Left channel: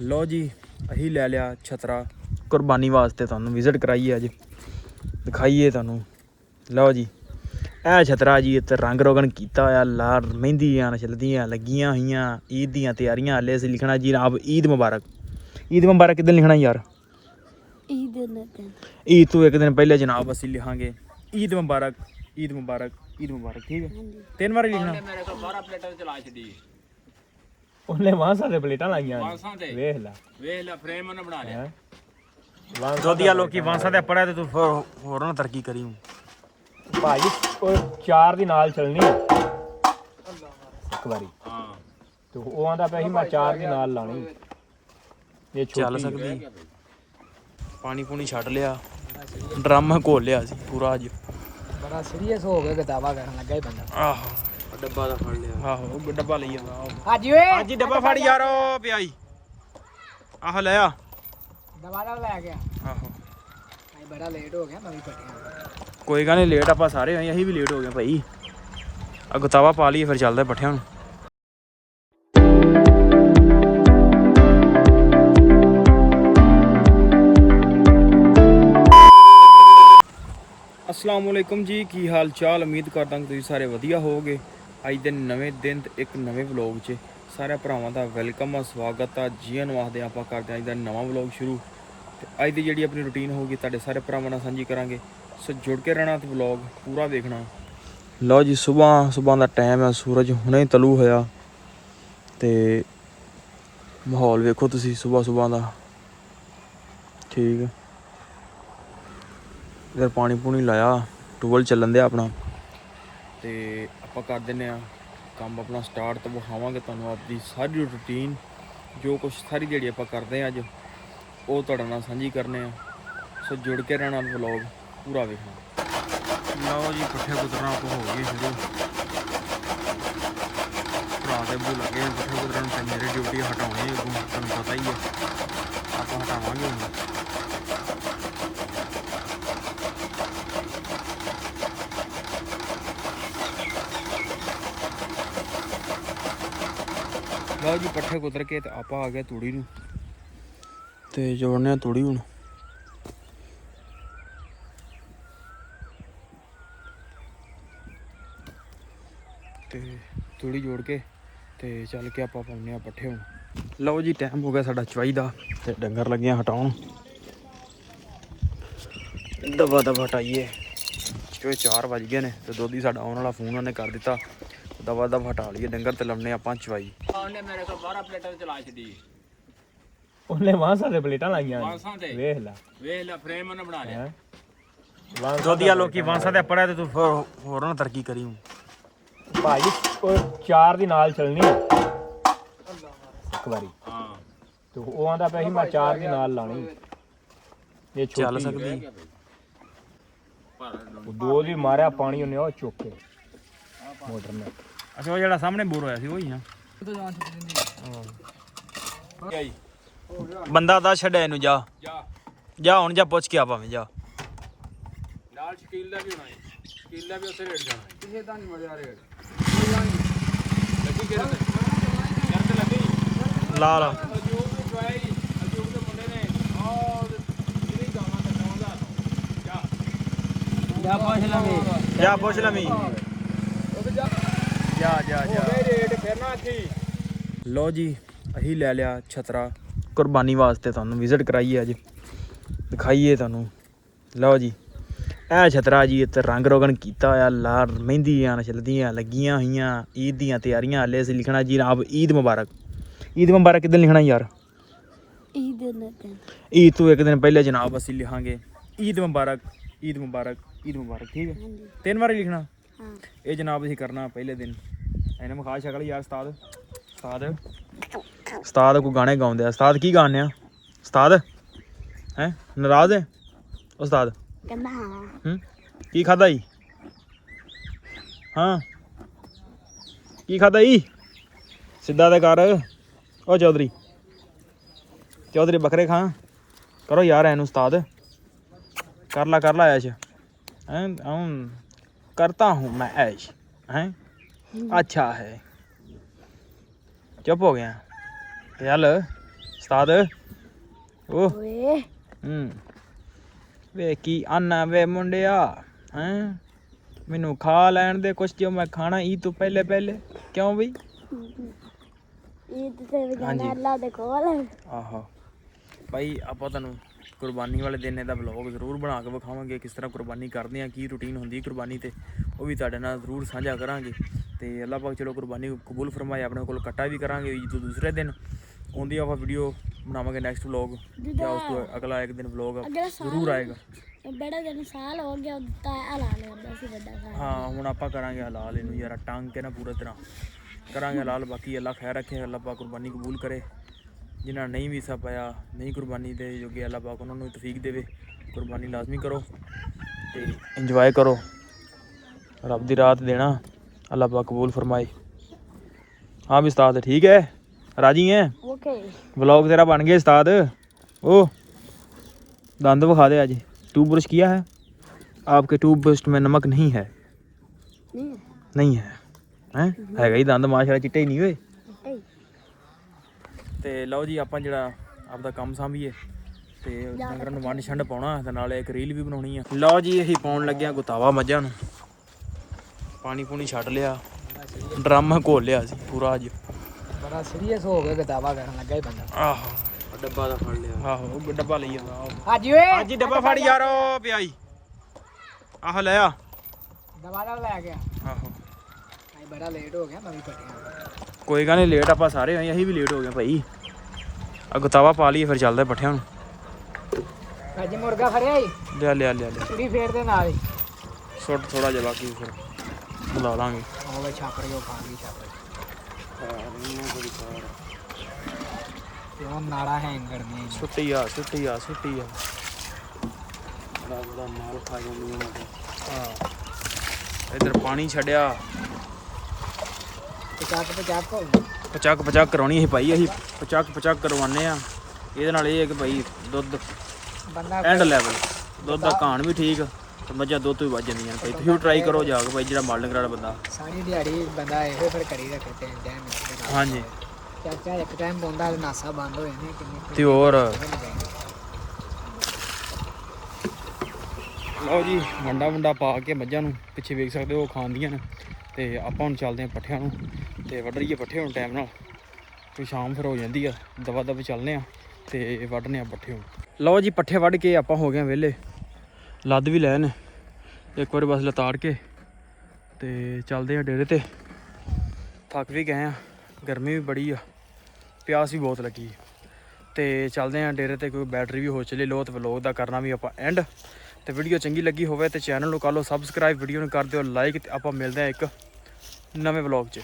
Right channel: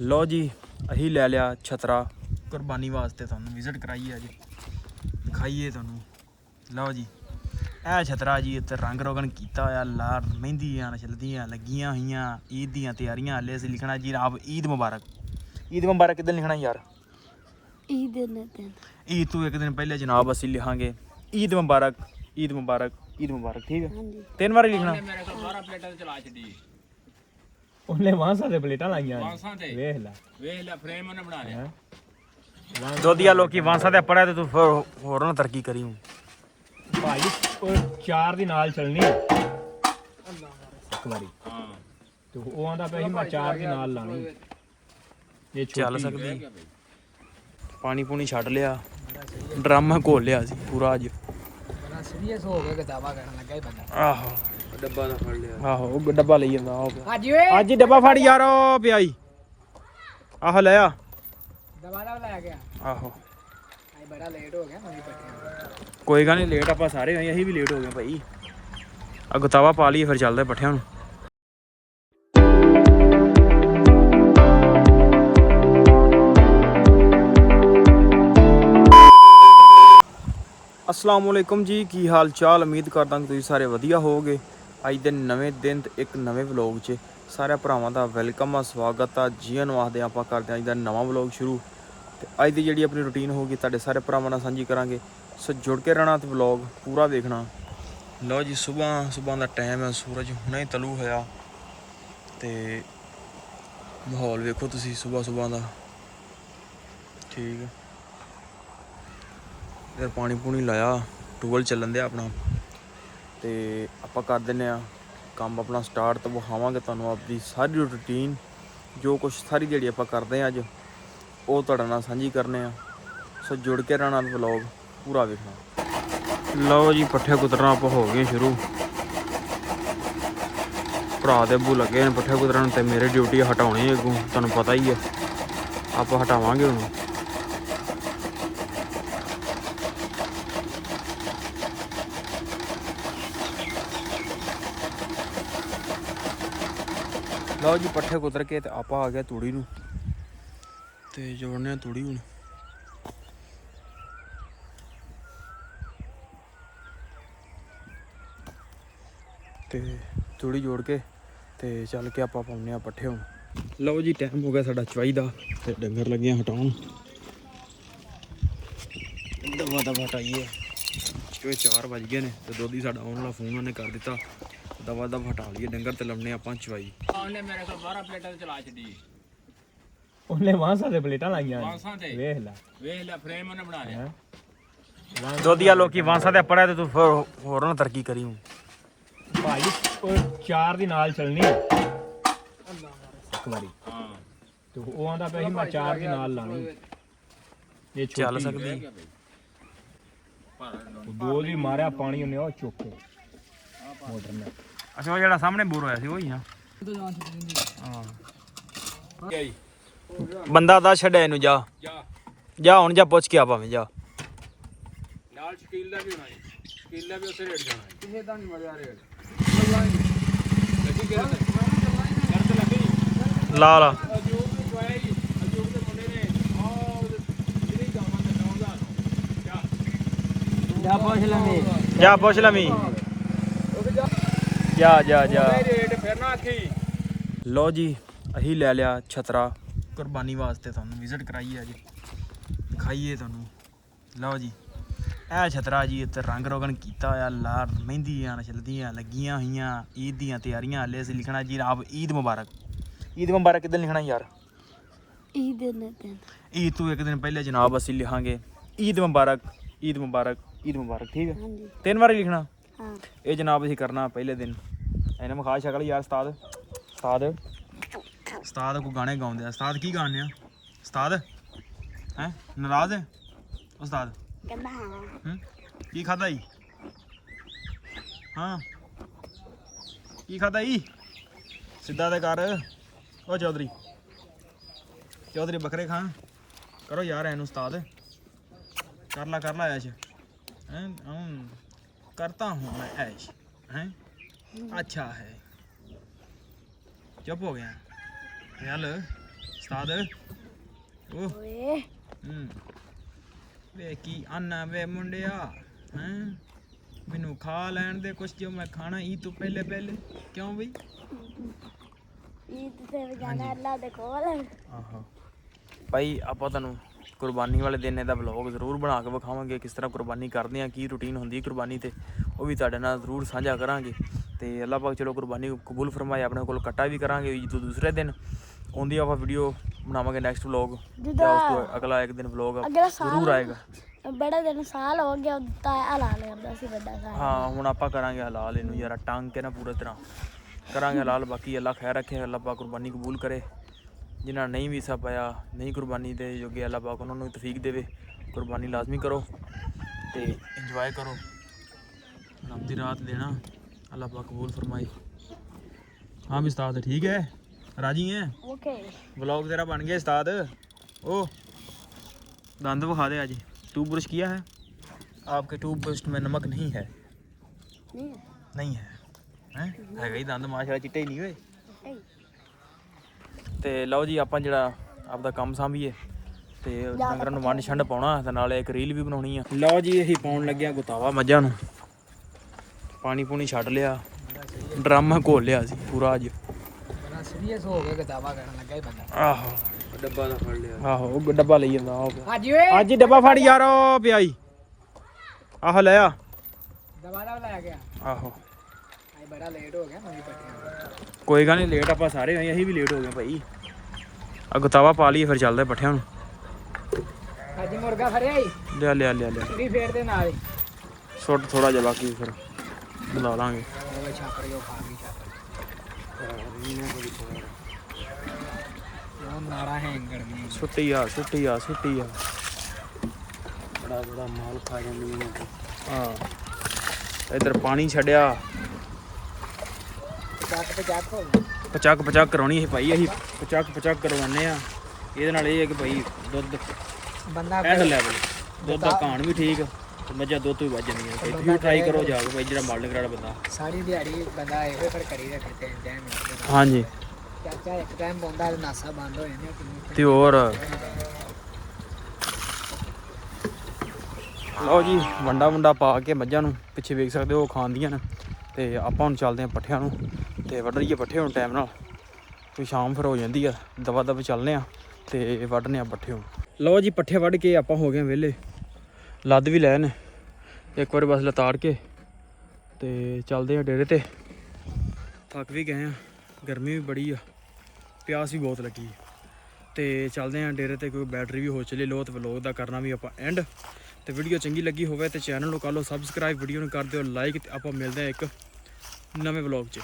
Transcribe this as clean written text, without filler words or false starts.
ਲਓ ਜੀ ਅਸੀਂ ਲੈ ਲਿਆ ਛਤਰਾ ਕੁਰਬਾਨੀ ਵਾਸਤੇ, ਤੁਹਾਨੂੰ ਵਿਜ਼ਿਟ ਕਰਾਈਏ ਅੱਜ, ਦਿਖਾਈਏ ਤੁਹਾਨੂੰ। ਲਓ ਜੀ ਇਹ ਛਤਰਾ ਜੀ ਇੱਥੇ ਰੰਗ ਰੋਗਨ ਕੀਤਾ ਹੋਇਆ, ਲਾਲ ਮਹਿੰਦੀਆਂ ਚਲਦੀਆਂ ਲੱਗੀਆਂ ਹੋਈਆਂ। ਈਦ ਦੀਆਂ ਤਿਆਰੀਆਂ ਹਾਲੇ ਅਸੀਂ ਲਿਖਣਾ ਜੀ ਜਨਾਬ ਈਦ ਮੁਬਾਰਕ। ਈਦ ਮੁਬਾਰਕ ਕਿੱਦਣ ਲਿਖਣਾ ਯਾਰ? ਈਦ ਤੋਂ ਇੱਕ ਦਿਨ ਪਹਿਲੇ ਜਨਾਬ ਅਸੀਂ ਲਿਖਾਂਗੇ ਈਦ ਮੁਬਾਰਕ, ਈਦ ਮੁਬਾਰਕ, ਈਦ ਮੁਬਾਰਕ। ਠੀਕ ਹੈ, 3 ਵਾਰੀ ਲਿਖਣਾ। ਮੇਰੇ ਕੋਲ 12 ਪਲੇਟਾਂ ਚਲਾ ਛੱਡੀ ਉਹਨੇ ਵਾਂਸਾਂ ਦੇ ਪਲੇਟਾਂ ਲਾਈਆਂ, ਵੇਖ ਲੈ ਫਰੇਮ ਉਹਨੇ ਬਣਾ ਲਿਆ। ਦੋਦੀਆ ਲੋਕੀ ਵਾਂਸਾਂ ਤੇ ਪੜਿਆ ਤੇ ਤੂੰ ਹੋਰ ਨਾ ਤਰੱਕੀ ਕਰੀ ਭਾਈ। ਉਹ 4 ਦੀ ਨਾਲ ਚੱਲਣੀ ਇੱਕ ਵਾਰੀ। ਹਾਂ ਤੇ ਉਹ ਆਂਦਾ ਪਿਆ ਸੀ ਮੈਂ 4 ਦੀ ਨਾਲ ਲਾਣੀ। ਇਹ ਚੱਲ ਸਕਦੀ। ਪਾਣੀ ਪੂਣੀ ਛੱਡ ਲਿਆ, ਡਰਮ ਘੋਲ ਲਿਆ ਸੀ ਪੂਰਾ ਅੱਜ। ਬੜਾ ਸੀਰੀਅਸ ਹੋ ਗਿਆ, ਕਿਤਾਬਾਂ ਕਰਨ ਲੱਗਾ ਹੀ ਬੰਦਾ। ਆਹੋ ਡੱਬਾ ਦਾ ਫੜ ਲਿਆ। ਆਹੋ ਉਹ ਡੱਬਾ ਲਈ ਜਾਂਦਾ। ਹਾਜੀ ਓਏ ਅੱਜ ਹੀ ਡੱਬਾ ਫੜ ਯਾਰ, ਉਹ ਪਿਆਈ। ਆਹੋ ਲੈ ਆ। ਦਵਾਲਾ ਲੈ ਗਿਆ। ਆਹੋ ਬੜਾ ਲੇਟ ਹੋ ਗਿਆ, ਮੈਂ ਵੀ ਪਟਿਆ। ਕੋਈ ਗੱਲ ਨਹੀਂ, ਲੇਟ ਆਪਾਂ ਸਾਰੇ ਹੋਏ, ਅਸੀਂ ਵੀ ਲੇਟ ਹੋ ਗਏ ਭਾਈ। ਆ ਗੁਤਾਵਾ ਪਾ ਲਈਏ ਫਿਰ ਚੱਲਦੇ ਪੱਠਿਆਂ ਨੂੰ। अस्सलाम वालेकुम जी, की हाल चाल? उम्मीद करदा कि तुसीं सारे वधिया होवोगे। अज दे नवें दिन ते एक नवें व्लॉग च सारे भरावां दा वेलकम आ, स्वागत आ। जी आनूं आखदे आपां करदे अज दा नवां व्लॉग शुरू। ते अज दी जिहड़ी अपनी रूटीन होगी तुहाडे सारे भरावां नाल सांझी करांगे, सो जुड़ के रहना ते व्लॉग पूरा वेखना। लो जी सुबह दा टाइम है, सूरज हुणे तलू होया ते माहौल वेखो तुसीं सुबह दा। ठीक है, इधर पानी पूनी लाया, टूबल चलन दिया अपना। तो आप कर दें काम अपना स्टार्ट। तो विखावांगे तुहानूं अपनी सारी रूटीन, जो कुछ सारी दिहाड़ी आप करते हैं अज वो तुहाडे नाल सांझी करने आ। सो जुड़ के रहना, व्लॉग पूरा वेखना। लो जी पट्ठे कुतरना आप हो गए शुरू। भरा दे अब्बू लगे हैं पट्ठे कुतरन, ते मेरी ड्यूटी हटाउणी अगों, तुहानूं पता ही है। आप हटावांगे हुण। लो जी पट्ठे कुतर के ते आप आ गया तूड़ी नूं ते जोड़ने तूड़ी हुण। ते तूड़ी जोड़ के ते चल के आप पाउने पट्ठे हुण। लो जी टाइम हो गया साडा चवाई दा ते डंगर लगे हटाउण। दबा दबा हटाइए, जो 4 बज गए ने ते दोधी साडा आउण वाला फोन उन्हें कर दिता। दबा दबा हटा लीए डंगर ते लमने आपां चवाई। ਉਹਨੇ ਮੇਰੇ ਕੋਲ 12 ਪਲੇਟਾਂ ਚਲਾ ਛੱਡੀ। ਉਹਨੇ ਵਾਂਸਾਂ ਦੇ ਪਲੇਟਾਂ ਲਾਈਆਂ, ਵੇਖ ਲੈ ਫਰੇਮ ਉਹਨੇ ਬਣਾ ਲਿਆ। ਦੋਦੀਆ ਲੋਕੀ ਵਾਂਸਾਂ ਤੇ ਪੜਿਆ ਤੇ ਤੂੰ ਹੋਰ ਨਾ ਤਰੱਕੀ ਕਰੀ ਭਾਈ। ਉਹ 4 ਦੀ ਨਾਲ ਚੱਲਣੀ ਇੱਕ ਵਾਰੀ। ਹਾਂ ਤੇ ਉਹ ਆਂਦਾ ਪਿਆ ਸੀ ਮੈਂ 4 ਦੀ ਨਾਲ ਲਾਣੀ। ਇਹ ਚੱਲ ਸਕਦੀ। ਉਹ 2 ਦੀ ਮਾਰਿਆ ਪਾਣੀ ਉਹਨੇ ਉਹ ਚੁੱਕ ਕੇ ਮੋਟਰ ਨੇ। ਅੱਛਾ ਉਹ ਜਿਹੜਾ ਸਾਹਮਣੇ ਬੋਰ ਹੋਇਆ ਸੀ ਉਹੀ ਆ। ਬੰਦਾ ਦਾ ਛੱਡਿਆ ਇਹਨੂੰ, ਜਾ ਜਾ ਹੁਣ, ਜਾ ਪੁੱਛ ਕੇ ਆ ਭਾਵੇਂ ਜਾ। ਨਾਲ ਸ਼ਕੀਲ ਦਾ ਵੀ ਹੋਣਾ ਹੈ, ਸ਼ਕੀਲ ਦਾ ਵੀ ਉਸੇ ਰੇਟ ਜਾਣਾ ਹੈ। ਕਿਸੇ ਦਾ ਨਹੀਂ ਮਜ਼ਾ ਰੇਟ ਲੱਗੀ ਕਿਹੜੇ ਤੇ ਲੱਗੀ ਲਾ ਲਾ। ਅਜੂਬ ਨੇ ਜਵਾਈ, ਅਜੂਬ ਦੇ ਮੁੰਡੇ ਨੇ ਆਹ ਜਿਹੜੀ ਗਾਵਾਂ ਦਾ 9000 ਜਾ ਪੁੱਛ ਲਵੀਂ, ਜਾ ਪੁੱਛ ਲਵੀਂ, ਜਾ ਜਾ ਜਾ। ਰੇਟ ਫਿਰ ਨਾ ਆਖੀ। ਲਓ ਜੀ ਅਸੀਂ ਲੈ ਲਿਆ ਛਤਰਾ ਕੁਰਬਾਨੀ ਵਾਸਤੇ, ਤੁਹਾਨੂੰ ਵਿਜ਼ਿਟ ਕਰਾਈਏ ਅੱਜ, ਦਿਖਾਈਏ ਤੁਹਾਨੂੰ। ਲਓ ਜੀ ਇਹ ਛਤਰਾ ਜੀ ਇੱਥੇ ਰੰਗ ਰੋਗਨ ਕੀਤਾ ਹੋਇਆ, ਲਾਲ ਮਹਿੰਦੀਆਂ ਚਲਦੀਆਂ ਲੱਗੀਆਂ ਹੋਈਆਂ। ਈਦ ਦੀਆਂ ਤਿਆਰੀਆਂ ਹਾਲੇ ਅਸੀਂ ਲਿਖਣਾ ਜੀ ਜਨਾਬ ਈਦ ਮੁਬਾਰਕ। ਈਦ ਮੁਬਾਰਕ ਕਿੱਦਣ ਲਿਖਣਾ ਯਾਰ? ਈਦ ਤੋਂ ਇੱਕ ਦਿਨ ਪਹਿਲੇ ਜਨਾਬ ਅਸੀਂ ਲਿਖਾਂਗੇ ਈਦ ਮੁਬਾਰਕ, ਈਦ ਮੁਬਾਰਕ, ਈਦ ਮੁਬਾਰਕ। ਠੀਕ ਹੈ, 3 ਵਾਰੀ ਲਿਖਣਾ। ਇਹ ਜਨਾਬ ਅਸੀਂ ਕਰਨਾ ਪਹਿਲੇ ਦਿਨ। ਇਹਨਾਂ ਵਿਖਾ ਸ਼ਕਲ ਯਾਰ। ਉਸਤਾਦ ਕੋਈ ਗਾਣੇ ਗਾਉਂਦੇ ਆ। ਉਸਤਾਦ ਕੀ ਗਾਉਂਦੇ ਆ? ਉਸਤਾਦ ਹੈਂ ਨਾਰਾਜ਼ ਹੈ ਉਸਤਾਦ? ਕੀ ਖਾਧਾ ਜੀ? ਹਾਂ ਕੀ ਖਾਧਾ ਜੀ? ਸਿੱਧਾ ਤੇ ਕਰ। ਉਹ ਚੌਧਰੀ ਬੱਕਰੇ ਖਾਂ ਕਰੋ ਯਾਰ ਇਹਨੂੰ। ਉਸਤਾਦ ਕਰ ਲਾ ਐਸ਼। हैं करता हूँ मैं ऐश। हैं अच्छा है, चुप हो गया। चल ਉਸਤਾਦ ਉਹ ਓਏ ਵੇ ਕੀ ਆਨਾ ਵੇ ਮੁੰਡਿਆ ਹੈਂ ਮੈਨੂੰ ਖਾ ਲੈਣ ਦੇ ਕੁਛ ਜੋ ਮੈਂ ਖਾਣਾ ਈਦ ਤੋਂ ਪਹਿਲੇ ਕਿਉਂ ਬਈ ਈਦ ਤੇ ਵੀ ਹਾਂਜੀ। ਅੱਲਾ ਦੇ ਕੋਲ ਆਹੋ ਭਾਈ ਆਪਾਂ ਤੁਹਾਨੂੰ ਕੁਰਬਾਨੀ ਵਾਲੇ ਦਿਨ ਦਾ ਵਲੌਗ ਜ਼ਰੂਰ ਬਣਾ ਕੇ ਵਿਖਾਵਾਂਗੇ ਕਿਸ ਤਰ੍ਹਾਂ ਕੁਰਬਾਨੀ ਕਰਦੇ ਆ ਕੀ ਰੂਟੀਨ ਹੁੰਦੀ ਕੁਰਬਾਨੀ ਤੇ ਉਹ ਵੀ ਤੁਹਾਡੇ ਨਾਲ ਜ਼ਰੂਰ ਸਾਂਝਾ ਕਰਾਂਗੇ ਤੇ ਅੱਲਾਹ ਪਾਕ ਚਲੋ ਕੁਰਬਾਨੀ ਕਬੂਲ ਫਰਮਾਏ ਆਪਣੇ ਕੋਲ ਕੱਟਾ ਵੀ ਕਰਾਂਗੇ ਈਦ ਤੋਂ ਦੂਸਰੇ ਦਿਨ ਉਹਦੀ ਆਪਾਂ ਵੀਡੀਓ ਬਣਾਵਾਂਗੇ ਨੈਕਸਟ ਵਲੌਗ ਜਾਂ ਉਸ ਤੋਂ ਅਗਲਾ ਇੱਕ ਦਿਨ ਵਲੌਗ ਜ਼ਰੂਰ ਆਏਗਾ ਬੜਾ ਦਿਨ ਸਾਲ ਹੋ ਗਿਆ ਦਿੱਤਾ ਹਲਾਲ ਕਰਦਾ ਸੀ ਵੱਡਾ ਸਾਲ ਹਾਂ ਹੁਣ ਆਪਾਂ ਕਰਾਂਗੇ ਹਲਾਲ ਇਹਨੂੰ ਯਾਰ ਟੰਗ ਕੇ ਨਾ ਪੂਰੀ ਤਰ੍ਹਾਂ ਕਰਾਂਗੇ ਹਲਾਲ ਬਾਕੀ ਅੱਲਾ ਖੈਰ ਰੱਖੇ ਅੱਲਾਹ ਪਾਕ ਕੁਰਬਾਨੀ ਕਬੂਲ ਕਰੇ ਜਿਨ੍ਹਾਂ ਨਹੀਂ ਵੀ ਸਭ ਪਾਇਆ ਨਹੀਂ ਕੁਰਬਾਨੀ ਦੇ ਜੋਗੇ ਅੱਲਾਹ ਪਾਕ ਉਹਨਾਂ ਨੂੰ ਤੌਫੀਕ ਦੇਵੇ ਕੁਰਬਾਨੀ ਲਾਜ਼ਮੀ ਕਰੋ ਤੇ ਇੰਜੋਏ ਕਰੋ ਰੱਬ ਦੀ ਰਾਤ ਦੇਣਾ ਅੱਲਾਹ ਪਾਕ ਕਬੂਲ ਫਰਮਾਏ हाँ भी उस्ताद ठीक है राजी हैं ओके व्लॉग तेरा बन गया उस्ताद ओ दंद विखा दे आज टूथ ब्रश किया है आपके टूथ ब्रश में नमक नहीं है नहीं है हैं हैगा ही दंद माशाल्लाह चिट्टे ही नहीं हुए ਤੇ ਲਓ ਜੀ ਆਪਾਂ ਜਿਹੜਾ ਆਪਦਾ ਕੰਮ ਸਾਂਭੀਏ ਤੇ ਡੰਗਰਾਂ ਨੂੰ ਵੰਡ ਛੰਡ ਪਾਉਣਾ ਤੇ ਨਾਲੇ ਇੱਕ ਰੀਲ ਵੀ ਬਣਾਉਣੀ ਆ ਲਓ ਜੀ ਅਸੀਂ ਪਾਉਣ ਲੱਗਿਆ ਗੁਤਾਵਾ ਮੱਝਾਂ ਨੂੰ ਪਾਣੀ ਪੂਣੀ ਛੱਡ ਲਿਆ ਡਰਮ ਘੋਲ ਲਿਆ ਸੀ ਪੂਰਾ ਅੱਜ ਬੜਾ ਸੀਰੀਅਸ ਹੋ ਗਿਆ ਕਿਤਾਬਾਂ ਕਰਨ ਲੱਗਾ ਹੀ ਬੰਦਾ ਆਹੋ ਡੱਬਾ ਦਾ ਫੜ ਲਿਆ ਆਹੋ ਉਹ ਡੱਬਾ ਲਈ ਜਾਂਦਾ ਹਾਜੀ ਓਏ ਅੱਜ ਹੀ ਡੱਬਾ ਫੜ ਯਾਰ ਉਹ ਪਿਆਈ ਆਹੋ ਲੈ ਆ ਦਵਾਲਾ ਲੈ ਗਿਆ ਆਹੋ ਬੜਾ ਲੇਟ ਹੋ ਗਿਆ ਨਵੀਂ ਪੱਟੀਆਂ ਕੋਈ ਗੱਲ ਨਹੀਂ ਲੇਟ ਆਪਾਂ ਸਾਰੇ ਹੋਏ ਅਸੀਂ ਵੀ ਲੇਟ ਹੋ ਗਏ ਭਾਈ ਆ ਗੁਤਾਵਾ ਪਾ ਲਈਏ ਫਿਰ ਚੱਲਦੇ ਪੱਠਿਆਂ ਨੂੰ ਅੱਜ ਮੁਰਗਾ ਫੜਿਆ ਈ ਲਿਆ ਕੁੜੀ ਫੇਰ ਦੇ ਨਾਲ ਹੀ ਸੁੱਟ ਥੋੜਾ ਜਿਹਾ ਬਾਕੀ ਫਿਰ ਬੁਲਾ ਲਾਂਗੇ ਉਹ ਛਾਪੜੀ ਉਹ ਪਾਣੀ ਛਾਪੜੀ ਉਹ ਨਾੜਾ ਹੈਂਗ ਕਰਨੀ ਛੁੱਟੀ ਆ ਬੜਾ ਮਾਲ ਖਾ ਜਾਂਦੀਆਂ ਨੇ ਹਾਂ ਇਧਰ ਪਾਣੀ ਛੱਡਿਆ ਪਚਾਕ ਕਰਾਉਣੀ ਸੀ ਭਾਈ ਅਸੀਂ ਪਚਾਕ ਕਰਵਾਉਂਦੇ ਆ ਇਹਦੇ ਨਾਲ ਇਹ ਹੈ ਕਿ ਭਾਈ ਦੁੱਧ ਐਂਡ ਲੈਵਲ ਦੁੱਧ ਦਾ ਘਾਣ ਵੀ ਠੀਕ ਤੇ ਮੱਝਾਂ ਦੁੱਧ ਵੀ ਵੱਜ ਜਾਂਦੀਆਂ ਭਾਈ ਤੁਸੀਂ ਵੀ ਟਰਾਈ ਕਰੋ ਜਾ ਕੇ ਭਾਈ ਜਿਹੜਾ ਮਾਲ ਡੰਗਰ ਵਾਲਾ ਬੰਦਾ ਸਾਰੀ ਦਿਹਾੜੀ ਬੰਦਾ ਇਹੋ ਫਿਰ ਕਰੀ ਰੱਖੇ ਤੇ ਟਾਈਮ ਹਾਂਜੀ ਚਾਚਾ ਇੱਕ ਟਾਈਮ ਬੰਦਾ ਨਾਸਾ ਬੰਦ ਹੋ ਜਾਂਦਾ ਕਿੰਨੀ ਤੇ ਹੋਰ ਲਓ ਜੀ ਵੰਡਾ ਪਾ ਕੇ ਮੱਝਾਂ ਨੂੰ ਪਿੱਛੇ ਵੇਖ ਸਕਦੇ ਹੋ ਖਾਂਦੀਆਂ ਨੇ ਤੇ ਆਪਾਂ ਹੁਣ ਚੱਲਦੇ ਹਾਂ ਪੱਠਿਆਂ ਨੂੰ ਤੇ ਵੱਢ ਲਈਏ ਪੱਠੇ ਹੁਣ ਟਾਈਮ ਨਾਲ ਤੇ ਸ਼ਾਮ ਫਿਰ ਹੋ ਜਾਂਦੀ ਆ ਦਵਾ ਦਵ ਚੱਲਦੇ ਆ ਤੇ ਵੱਢਨੇ ਆ ਪੱਠੇ ਹੁਣ ਲਓ ਜੀ ਪੱਠੇ ਵੱਢ ਕੇ ਆਪਾਂ ਹੋ ਗਏ ਵਿਹਲੇ ਲੱਦ ਵੀ ਲੈ ਨੇ ਇੱਕ ਵਾਰ ਬਸ ਲਤਾੜ ਕੇ ਤੇ ਚੱਲਦੇ ਆ ਡੇਰੇ ਤੇ ਥੱਕ ਵੀ ਗਏ ਆ ਗਰਮੀ ਵੀ ਬੜੀ ਆ ਪਿਆਸ ਵੀ ਬਹੁਤ ਲੱਗੀ ਤੇ ਚੱਲਦੇ ਆ ਡੇਰੇ ਤੇ ਕੋਈ ਬੈਟਰੀ ਵੀ ਹੋ ਚਲੇ ਲੋ ਤੇ ਵਲੋਗ ਦਾ ਕਰਨਾ ਵੀ ਆਪਾਂ ਐਂਡ ਤੇ ਵੀਡੀਓ ਚੰਗੀ ਲੱਗੀ ਹੋਵੇ ਤੇ ਚੈਨਲ ਨੂੰ ਕਰ ਲਓ ਸਬਸਕ੍ਰਾਈਬ ਵੀਡੀਓ ਨੂੰ ਕਰ ਦਿਓ ਲਾਈਕ ਤੇ ਆਪਾਂ ਮਿਲਦੇ ਆ ਇੱਕ ਨਵੇਂ ਵਲੋਗ 'ਚ